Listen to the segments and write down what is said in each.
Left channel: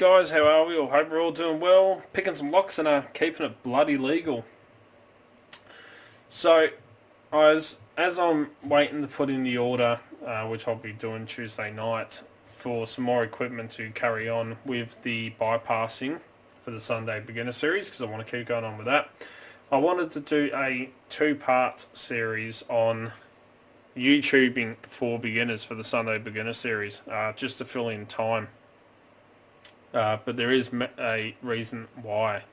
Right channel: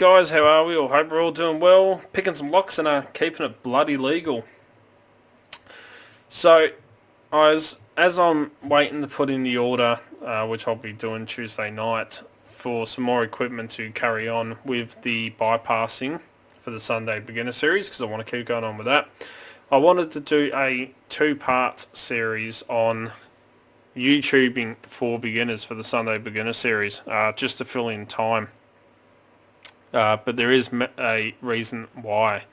Guys, how are we? All hope we're all doing well. Picking some locks and keeping it bloody legal. So, as I'm waiting to put in the order, which I'll be doing Tuesday night, for some more equipment to carry on with the bypassing for the Sunday Beginner Series, because I want to keep going on with that. I wanted to do a two-part series on YouTubing for beginners for the Sunday Beginner Series, just to fill in time. But there is a reason why,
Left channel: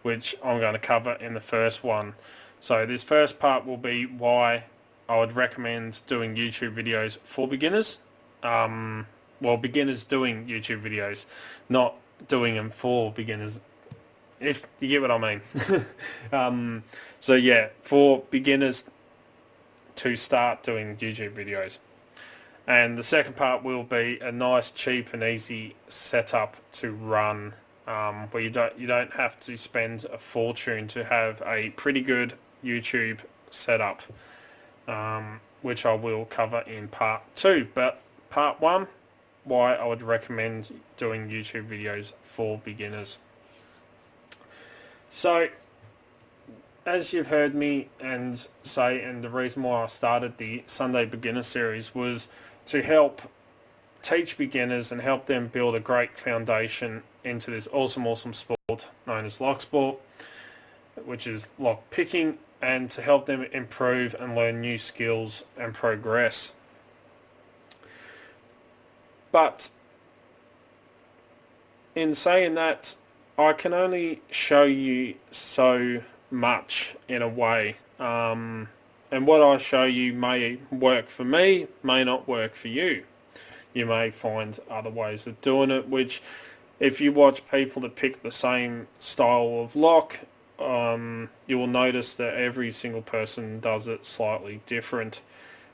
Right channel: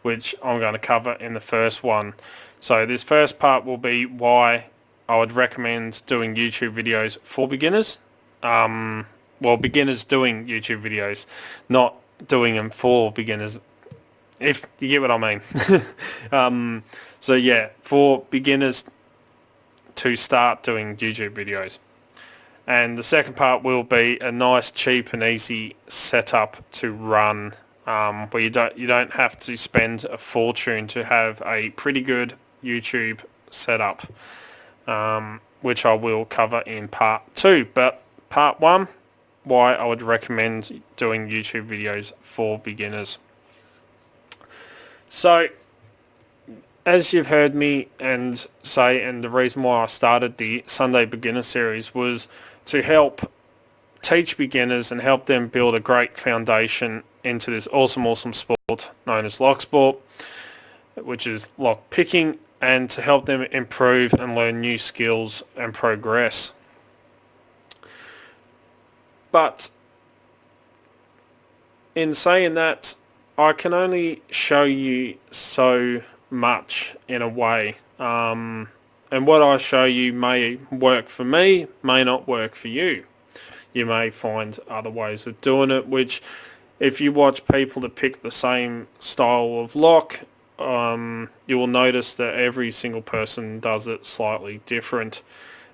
which I'm going to cover in the first one. So this first part will be why I would recommend doing YouTube videos for beginners. Well, beginners doing YouTube videos, not doing them for beginners, if you get what I mean. So yeah, for beginners to start doing YouTube videos. And the second part will be a nice, cheap and easy setup to run, where you don't have to spend a fortune to have a pretty good YouTube setup, which I will cover in part 2. But part 1, why I would recommend doing YouTube videos for beginners. So, as you've heard me and say, and the reason why I started the Sunday Beginner Series was to help teach beginners and help them build a great foundation into this awesome sport known as Locksport, which is lock picking, and to help them improve and learn new skills and progress. But in saying that, I can only show you so much in a way. And what I show you may work for me, may not work for you. You may find other ways of doing it, which if you watch people that pick the same style of lock, you will notice that every single person does it slightly different.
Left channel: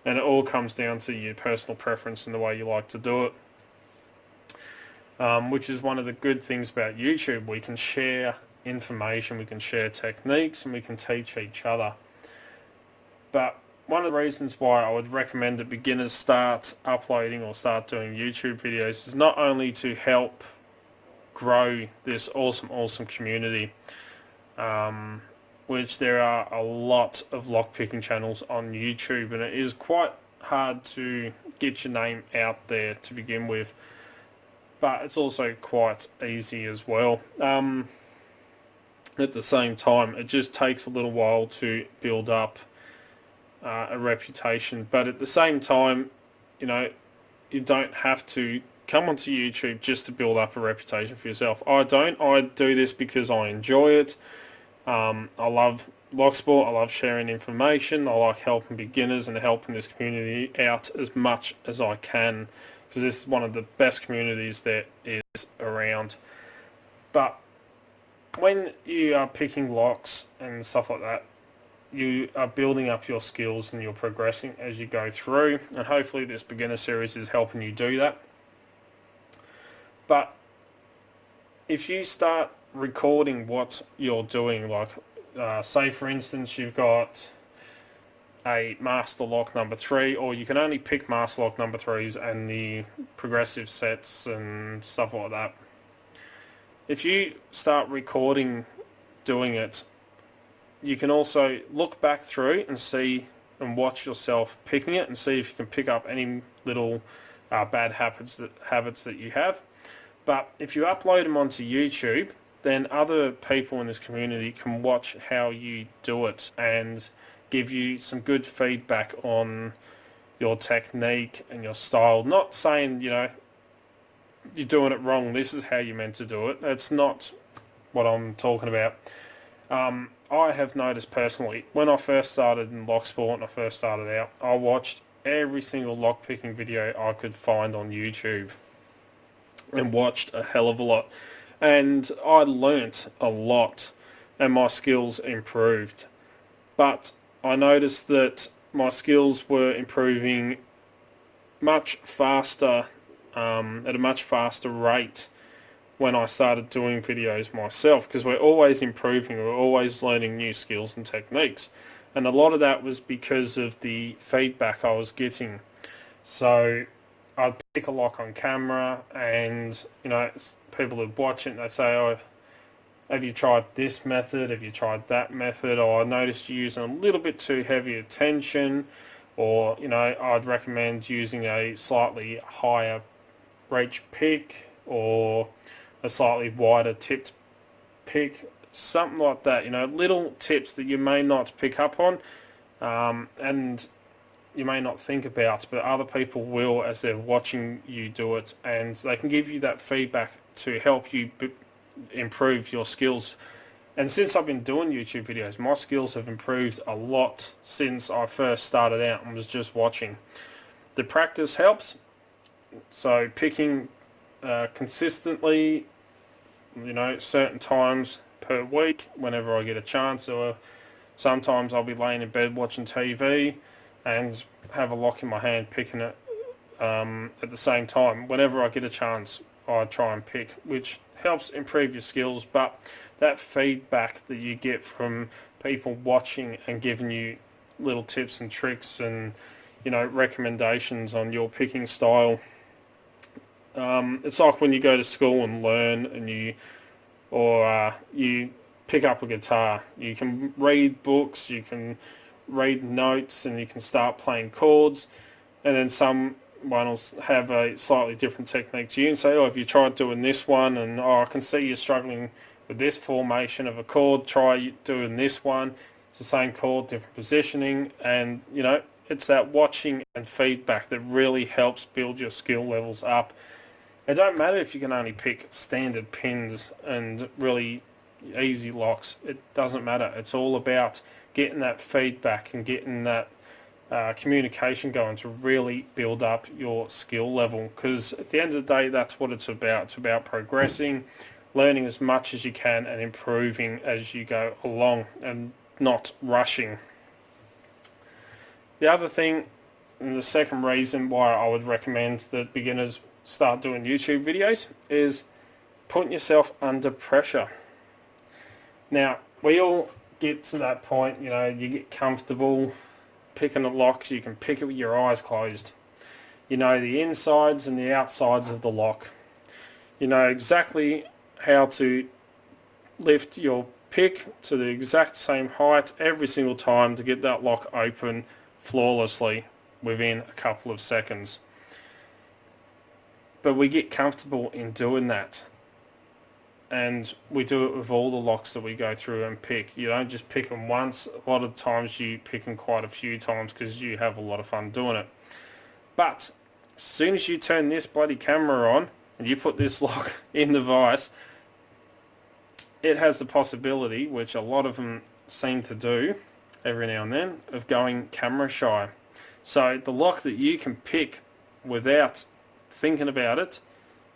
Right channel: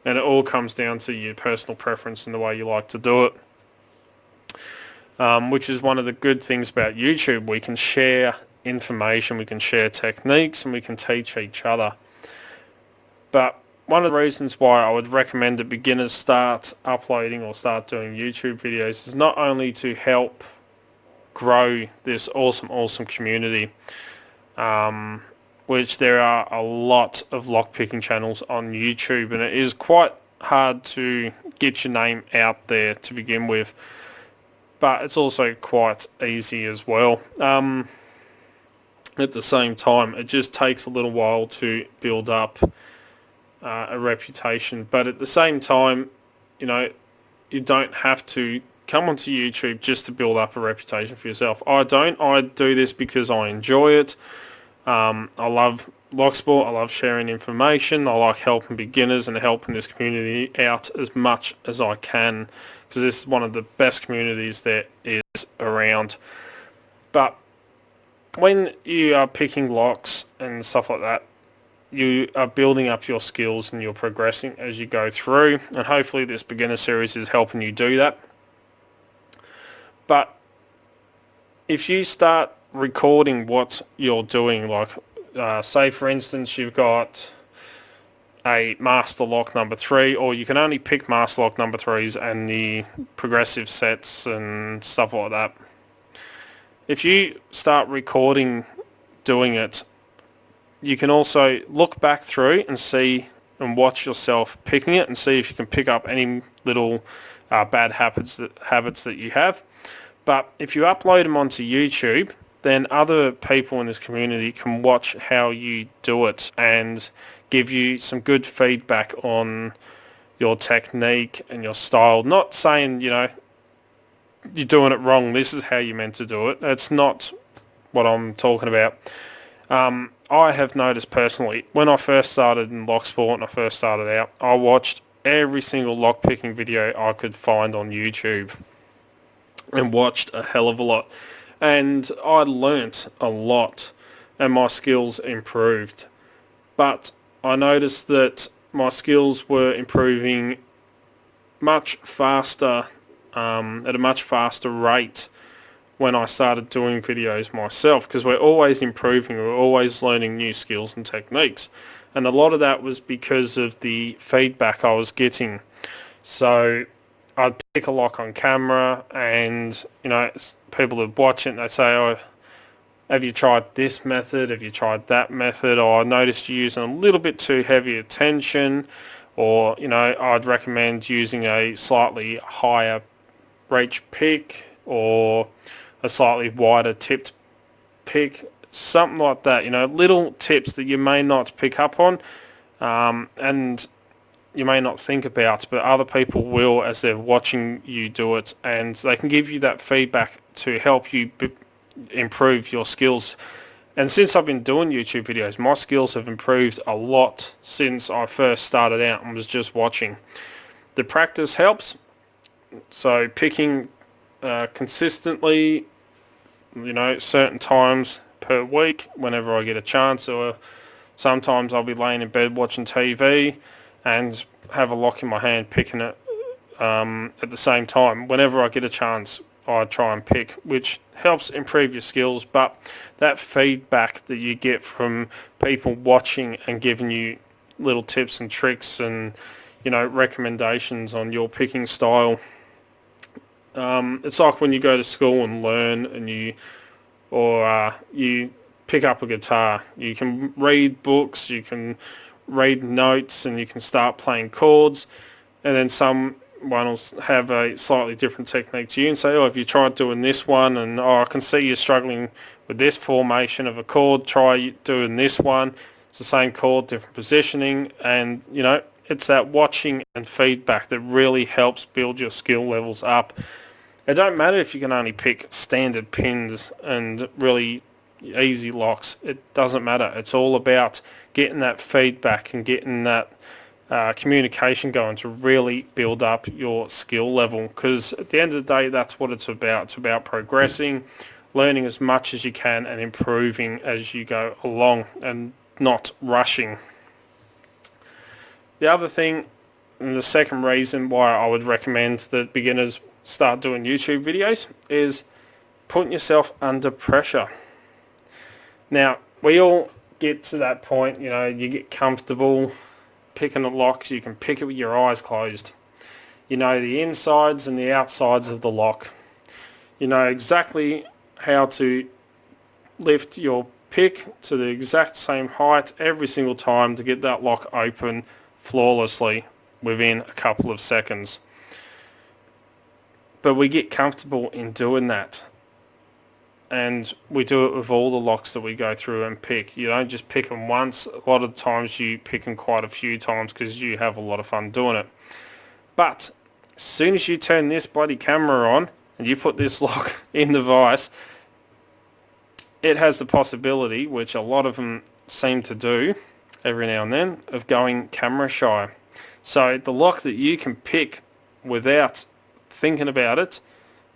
And it all comes down to your personal preference and the way you like to do it. Which is one of the good things about YouTube. We can share information, we can share techniques, and we can teach each other. But one of the reasons why I would recommend that beginners start uploading or start doing YouTube videos is not only to help grow this awesome community, which there are a lot of lockpicking channels on YouTube, and it is quite hard to get your name out there to begin with, but it's also quite easy as well. At the same time, it just takes a little while to build up a reputation, but at the same time, you don't have to come onto YouTube just to build up a reputation for yourself. I do this because I enjoy it. I love Locksport, I love sharing information, I like helping beginners and helping this community out as much as I can, because this is one of the best communities there is around. But when you are picking locks and stuff like that, you are building up your skills and you're progressing as you go through, and hopefully this beginner series is helping you do that. But if you start recording what you're doing, like say for instance you've got a master lock number 3, or you can only pick master lock number 3s and the progressive sets and stuff like that. If you start recording doing it, you can also look back through and see and watch yourself picking it and see if you can pick up any little bad habits that you have. But if you upload them onto YouTube, then other people in this community can watch how you do it and give you some good feedback on your technique and your style. Not saying, you're doing it wrong, this is how you're meant to do it. That's not what I'm talking about. I have noticed personally, when I first started in Locksport and I first started out, I watched every single lockpicking video I could find on YouTube and watched a hell of a lot. And I learnt a lot and my skills improved. But I noticed that my skills were improving much faster, at a much faster rate when I started doing videos myself, because we're always improving, we're always learning new skills and techniques, and a lot of that was because of the feedback I was getting. So I'd pick a lock on camera, and you know, people would watch it and they say, "Oh, have you tried this method? Have you tried that method? Or I noticed you using a little bit too heavy a tension." Or, you know, I'd recommend using a slightly higher reach pick or a slightly wider tipped pick, something like that. You know, little tips that you may not pick up on, and you may not think about, but other people will as they're watching you do it, and they can give you that feedback to help you improve your skills. And since I've been doing YouTube videos, my skills have improved a lot since I first started out and was just watching. The practice helps, so picking consistently, you know, certain times per week whenever I get a chance, or sometimes I'll be laying in bed watching TV and have a lock in my hand picking it at the same time. Whenever I get a chance, I try and pick, which helps improve your skills. But that feedback that you get from people watching and giving you little tips and tricks and, you know, recommendations on your picking style, it's like when you go to school and learn, and you pick up a guitar. You can read books, you can read notes, and you can start playing chords, and then someone will have a slightly different technique to you and say, "Oh, have you tried doing this one?" And, "Oh, I can see you're struggling with this formation of a chord. Try doing this one. It's the same chord, different positioning." And, you know, it's that watching and feedback that really helps build your skill levels up. It don't matter if you can only pick standard pins and really easy locks. It doesn't matter. It's all about getting that feedback and getting that communication going to really build up your skill level, because at the end of the day, that's what it's about. It's about progressing, learning as much as you can, and improving as you go along, and not rushing. The other thing, and the second reason why I would recommend that beginners start doing YouTube videos, is putting yourself under pressure. Now, we all get to that point, you know, you get comfortable picking a lock, you can pick it with your eyes closed. You know the insides and the outsides of the lock. You know exactly how to lift your pick to the exact same height every single time to get that lock open flawlessly within a couple of seconds. But we get comfortable in doing that, and we do it with all the locks that we go through and pick. You don't just pick them once. A lot of the times you pick them quite a few times because you have a lot of fun doing it. But as soon as you turn this bloody camera on and you put this lock in the vise, it has the possibility, which a lot of them seem to do every now and then, of going camera shy. So the lock that you can pick without thinking about it,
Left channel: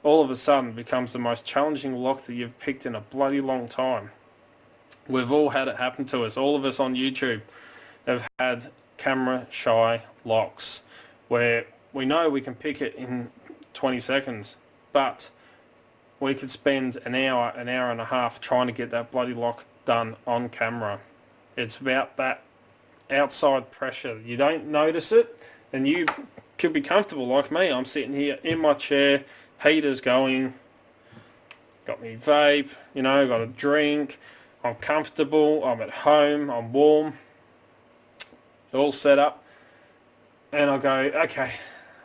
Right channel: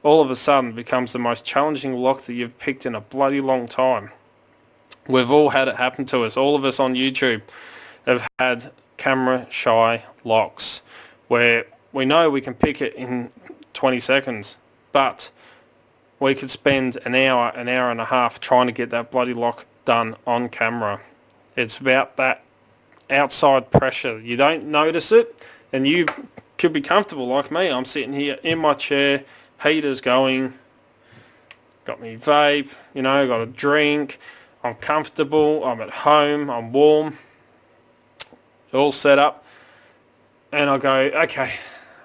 all of a sudden becomes the most challenging lock that you've picked in a bloody long time. We've all had it happen to us. All of us on YouTube have had camera shy locks where we know we can pick it in 20 seconds, but we could spend an hour and a half trying to get that bloody lock done on camera. It's about that outside pressure. You don't notice it, and you could be comfortable like me. I'm sitting here in my chair, heater's going, got me vape, you know, got a drink, I'm comfortable, I'm at home, I'm warm, all set up, and I go, okay,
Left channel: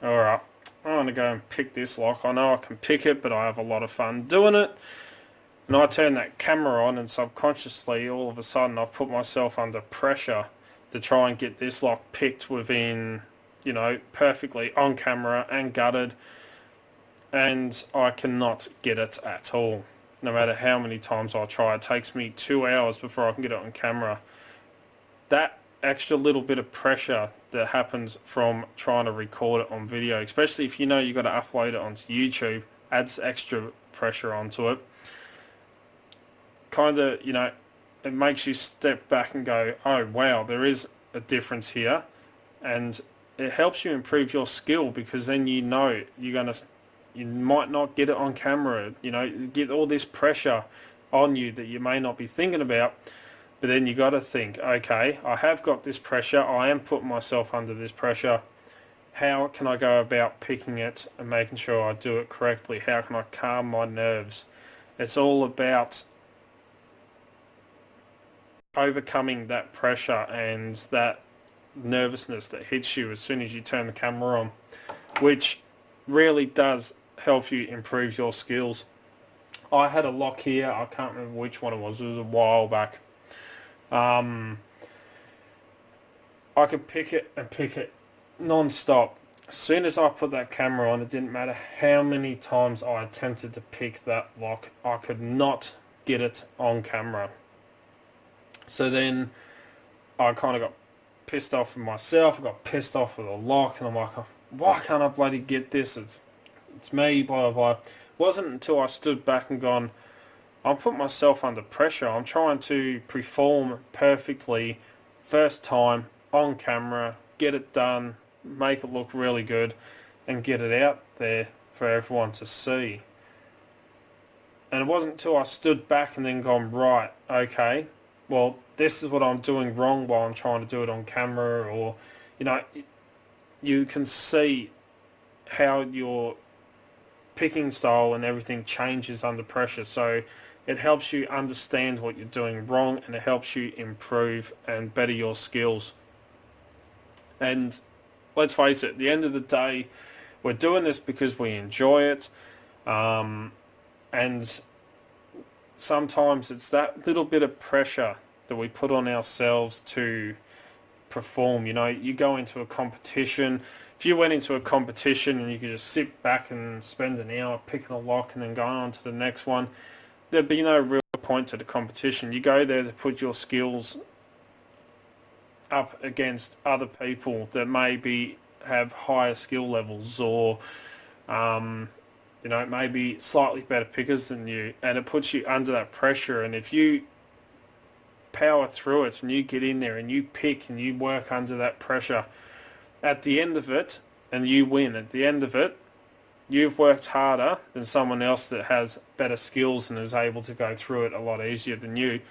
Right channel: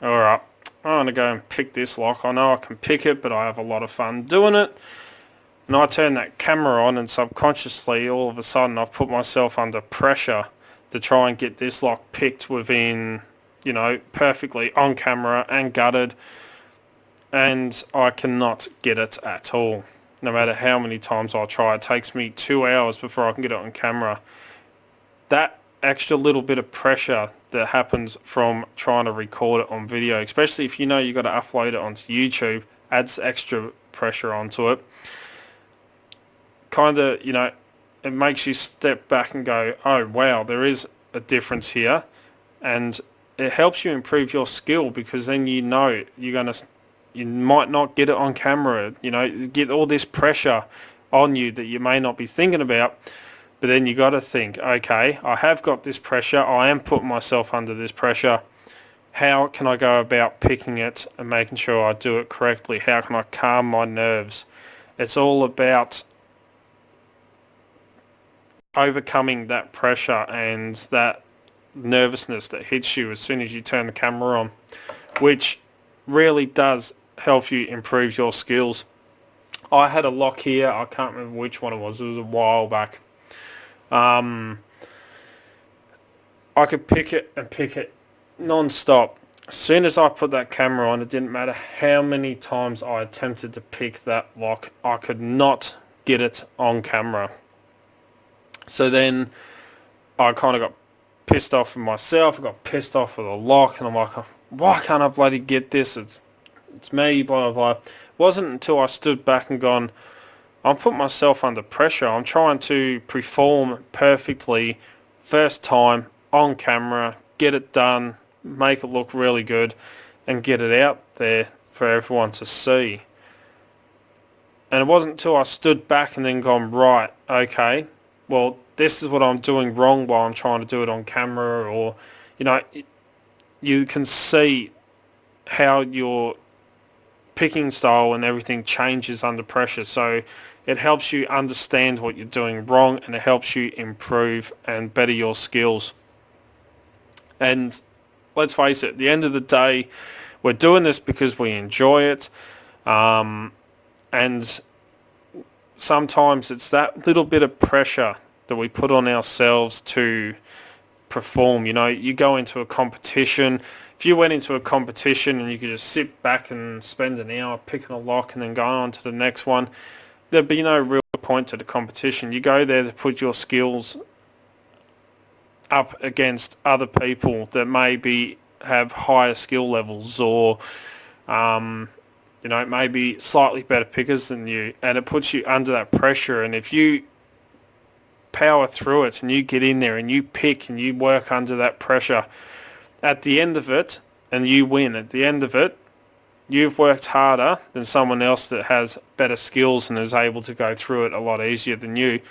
alright, I'm going to go and pick this lock. I know I can pick it, but I have a lot of fun doing it. And I turn that camera on, and subconsciously, all of a sudden, I've put myself under pressure to try and get this lock picked within, you know, perfectly on camera and gutted, and I cannot get it at all. No matter how many times I try, it takes me 2 hours before I can get it on camera. That extra little bit of pressure that happens from trying to record it on video, especially if you know you've got to upload it onto YouTube, adds extra pressure onto it. Kind of, you know, it makes you step back and go, oh wow, there is a difference here, and it helps you improve your skill, because then you know you might not get it on camera, you know, get all this pressure on you that you may not be thinking about, but then you got to think, okay, I have got this pressure, I am putting myself under this pressure, how can I go about picking it and making sure I do it correctly? How can I calm my nerves? It's all about overcoming that pressure and that nervousness that hits you as soon as you turn the camera on, which really does help you improve your skills. I had a lock here. I can't remember which one it was. It was a while back. I could pick it and pick it non-stop. As soon as I put that camera on, it didn't matter how many times I attempted to pick that lock, I could not get it on camera. So then I kind of got pissed off with myself. I got pissed off with the lock, and I'm like, why can't I bloody get this? It's me, blah, blah, blah. It wasn't until I stood back and gone, I'm putting myself under pressure. I'm trying to perform perfectly first time on camera, get it done, make it look really good, and get it out there for everyone to see. And it wasn't until I stood back and then gone, right, okay, well, this is what I'm doing wrong while I'm trying to do it on camera, or, you can see how your picking style and everything changes under pressure. So it helps you understand what you're doing wrong, and it helps you improve and better your skills. And let's face it, at the end of the day, we're doing this because we enjoy it. And sometimes it's that little bit of pressure that we put on ourselves to perform. You go into a competition. If you went into a competition and you could just sit back and spend an hour picking a lock and then going on to the next one, there'd be no real point to the competition. You go there to put your skills up against other people that maybe have higher skill levels, or maybe slightly better pickers than you, and it puts you under that pressure. And if you power through it and you get in there and you pick and you work under that pressure, at the end of it, and you win at the end of it, you've worked harder than someone else that has better skills and is able to go through it a lot easier than you.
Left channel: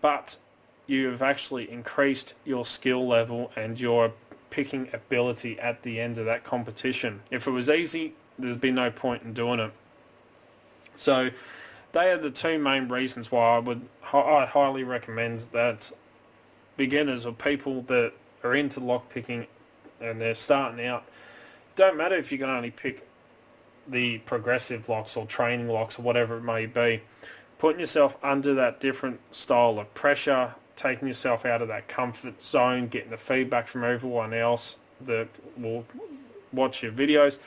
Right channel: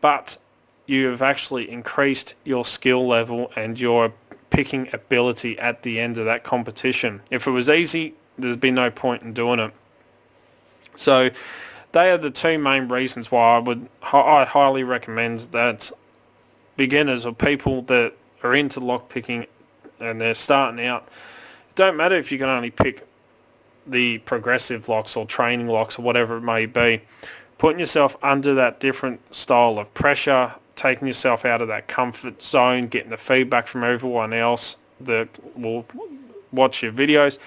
But you have actually increased your skill level and your picking ability at the end of that competition. If it was easy, there'd be no point in doing it. So they are the two main reasons why I highly recommend that beginners or people that are into lock picking and they're starting out, don't matter if you can only pick the progressive locks or training locks or whatever it may be, putting yourself under that different style of pressure, taking yourself out of that comfort zone, getting the feedback from everyone else that will watch your videos,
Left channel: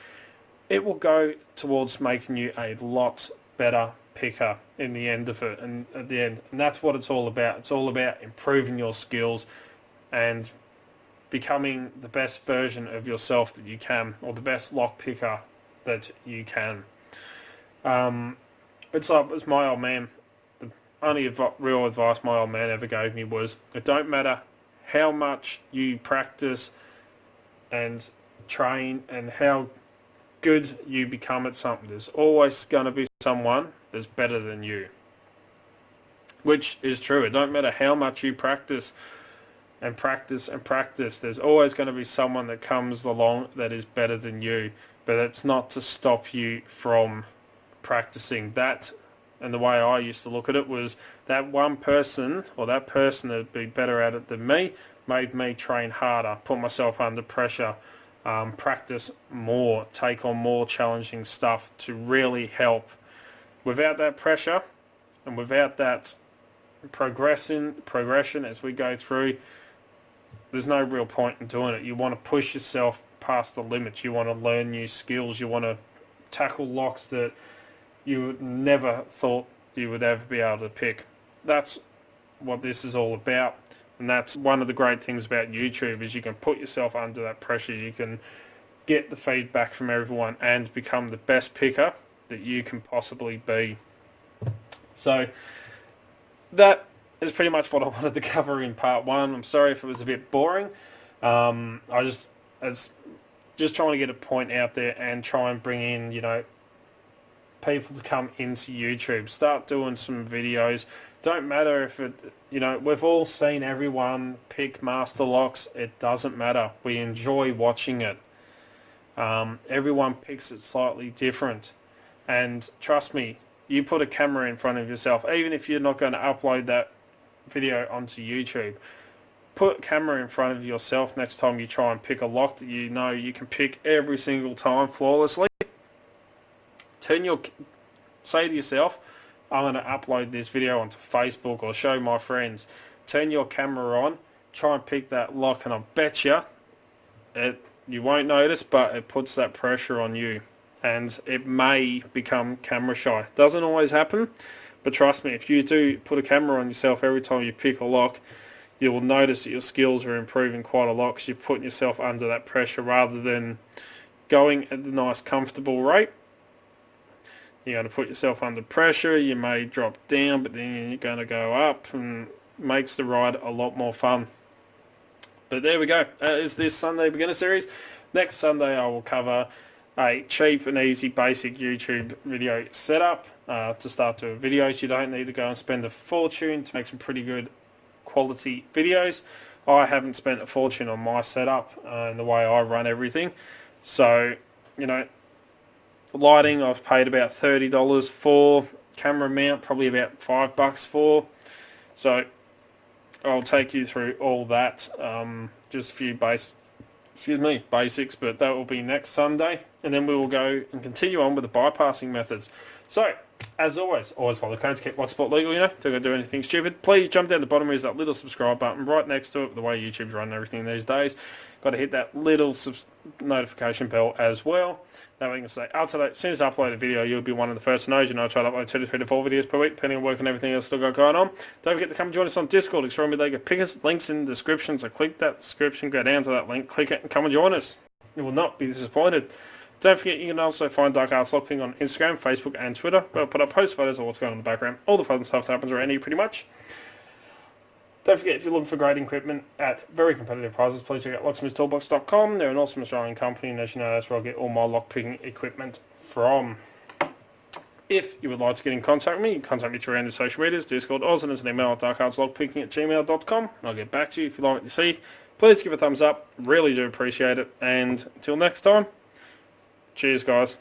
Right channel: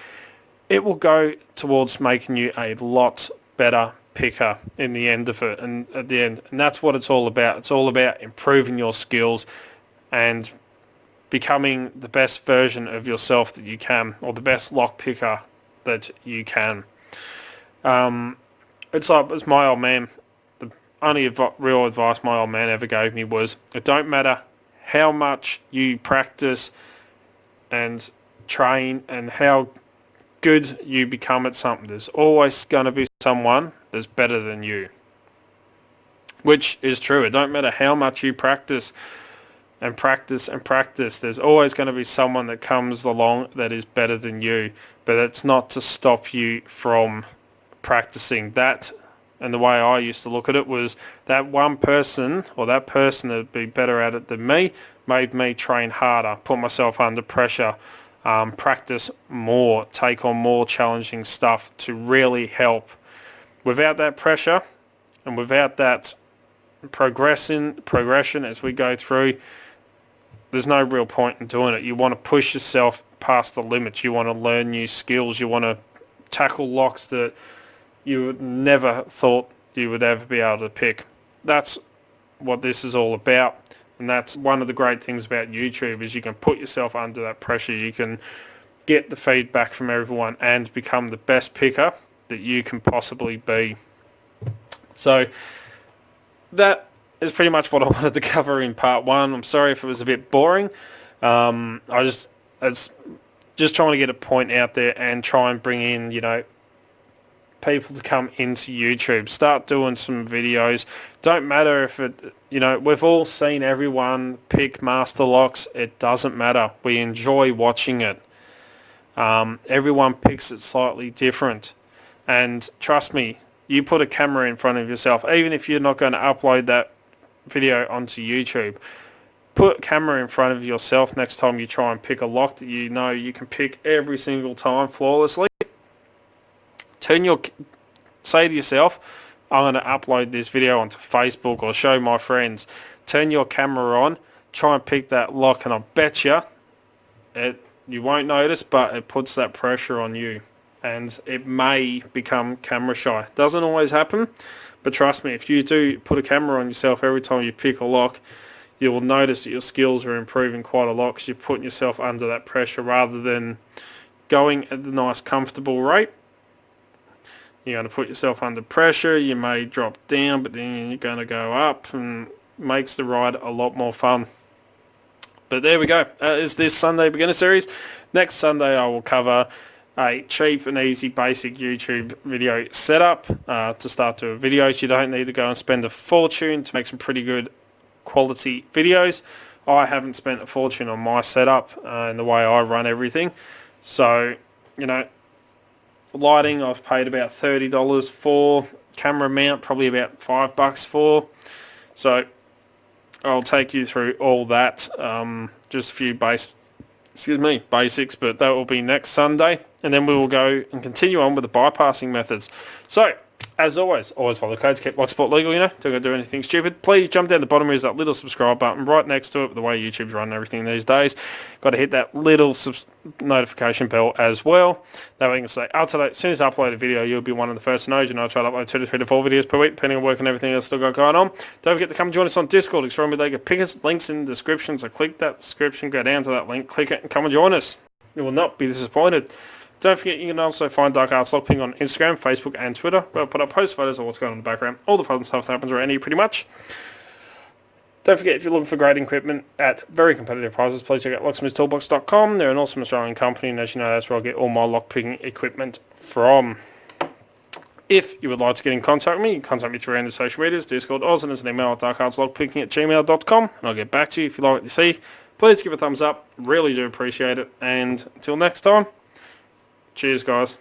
it will go towards making you a lot better picker in the end of it. And at the end, and that's what it's all about. It's all about improving your skills and becoming the best version of yourself that you can, or the best lock picker that you can. It's my old man. The only real advice my old man ever gave me was, it don't matter how much you practice and train and how good you become at something, there's always going to be someone that's better than you. Which is true. It don't matter how much you practice and practice and practice, there's always going to be someone that comes along that is better than you. But it's not to stop you from practicing that. And the way I used to look at it was that one person, or that person that'd be better at it than me, made me train harder, put myself under pressure, practice more, take on more challenging stuff to really help. Without that pressure and without that progression as we go through, there's no real point in doing it. You want to push yourself past the limits. You want to learn new skills. You want to tackle locks that you would never thought you would ever be able to pick. That's what this is all about. And that's one of the great things about YouTube, is you can put yourself under that pressure. You can get the feedback from everyone and become the best picker that you can possibly be. So that is pretty much what I wanted to cover in part one. I'm sorry if it was a bit boring. It's just trying to get a point out there and try and bring in, people to come into YouTube. Start doing some videos. Don't matter if it, we've all seen everyone pick master locks. It doesn't matter. We enjoy watching it. Everyone picks it slightly different. And trust me, you put a camera in front of yourself, even if you're not going to upload that video onto YouTube, put a camera in front of yourself next time you try and pick a lock that you know you can pick every single time flawlessly. Say to yourself, I'm going to upload this video onto Facebook or show my friends. Turn your camera on, try and pick that lock, and I bet you won't notice, but it puts that pressure on you. And it may become camera shy. Doesn't always happen, but trust me, if you do put a camera on yourself every time you pick a lock, you will notice that your skills are improving quite a lot because you're putting yourself under that pressure rather than going at the nice comfortable rate. You're going to put yourself under pressure, you may drop down, but then you're going to go up, and makes the ride a lot more fun. But there we go. Is this Sunday Beginner Series. Next Sunday I will cover a cheap and easy basic YouTube video setup to start doing videos. You don't need to go and spend a fortune to make some pretty good quality videos. I haven't spent a fortune on my setup and the way I run everything. So, you know, lighting I've paid about $30 for. Camera mount probably about $5 for. So I'll take you through all that. Just a few basics, but that will be next Sunday. And then we will go and continue on with the bypassing methods. So, as always follow the code to keep Locksport legal, don't go do anything stupid. Please jump down the bottom, is that little subscribe button right next to it, the way YouTube's running everything these days. Got to hit that little notification bell as well. That way you can stay up to date. As soon as I upload a video, you'll be one of the first to know. I try to upload 2 to 3 to 4 videos per week, depending on work and everything else still got going on. Don't forget to come join us on Discord, Extremely League of Pickers. Links in the description, so click that description, go down to that link, click it, and come and join us. You will not be disappointed. Don't forget you can also find Dark Arts Lockpicking on Instagram, Facebook and Twitter, where I'll put up post photos of what's going on in the background, all the fun stuff that happens around here pretty much. Don't forget, if you're looking for great equipment at very competitive prices, please check out locksmithtoolbox.com. They're an awesome Australian company, and as you know, that's where I get all my lockpicking equipment from. If you would like to get in contact with me, you can contact me through any social medias, Discord, or send us an email at darkartslockpicking@gmail.com, and I'll get back to you. If you like what you see, please give a thumbs up. Really do appreciate it. And until next time, cheers, guys.